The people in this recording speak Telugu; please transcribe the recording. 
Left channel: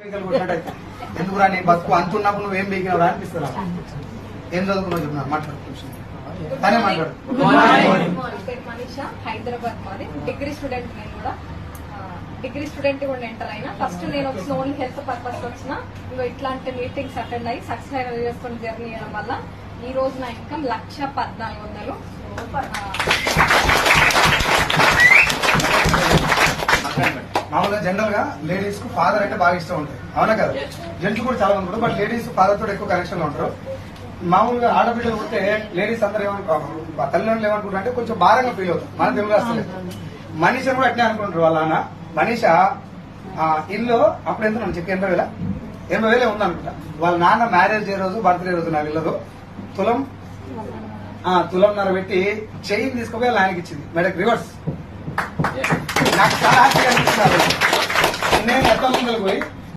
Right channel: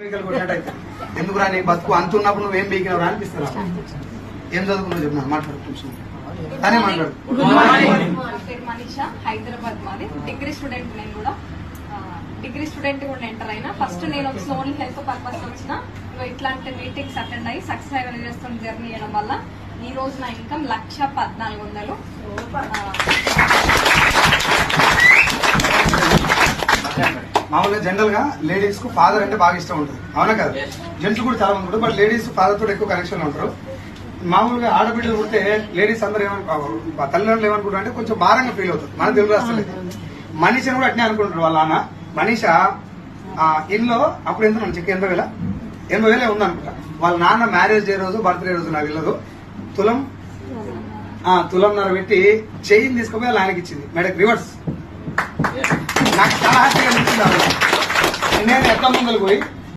ఎందుకు రాని బతుకు అంతున్నప్పుడు నువ్వేం బీకినవరా అనిపిస్తున్నా. ఏం చదువుకున్నావు చెప్తున్నాను మాట్లాడు. మనీషా, హైదరాబాద్ మాది. Degree student. నేను కూడా డిగ్రీ స్టూడెంట్ కూడా ఎంటర్ అయినా. ఫస్ట్ నేను వచ్చిన ఓన్లీ హెల్త్ పర్పస్ వచ్చిన. ఇంకా ఇట్లాంటి మీటింగ్స్ అటెండ్ అయ్యి సక్సెస్ అయ్యి చేస్తున్న జర్నీ చేయడం వల్ల ఈ రోజు నా ఇన్కమ్ 1,14,00,000. మామూలుగా జనరల్ గా లేడీస్ కు ఫాదర్ అంటే బాగా ఇష్టం ఉంటుంది, అవునా కదా? జెంట్స్ కూడా చాలా మంది, బట్ లేడీస్ ఫాదర్ తోటి ఎక్కువ కనెక్షన్ లో ఉంటారు. మామూలుగా ఆడబిడ్డలు పుడితే లేడీస్ అందరూ తల్లిదండ్రులు ఏమనుకుంటారు అంటే కొంచెం భారంగా ఫీల్ అవుతారు. మన తెలుగు రాష్ట్రాలు మనీషని కూడా అట్నే అనుకుంటారు. వాళ్ళ నాన్న మనీష ఇల్లు అప్పుడు ఎంత చెక్ 80,000 ఉందనుకుంటా. వాళ్ళ నాన్న మ్యారేజ్ డే రోజు, బర్త్డే రోజు నాకు వెళ్ళదు తులంన్నర పెట్టి చైన్ తీసుకుపోయి వాళ్ళ ఆయనకి ఇచ్చింది. మేడకి రివర్స్. నాకు చాలా హ్యాపీగా అనిపించింది. నేను ఎట్లా ముందుకు పోయి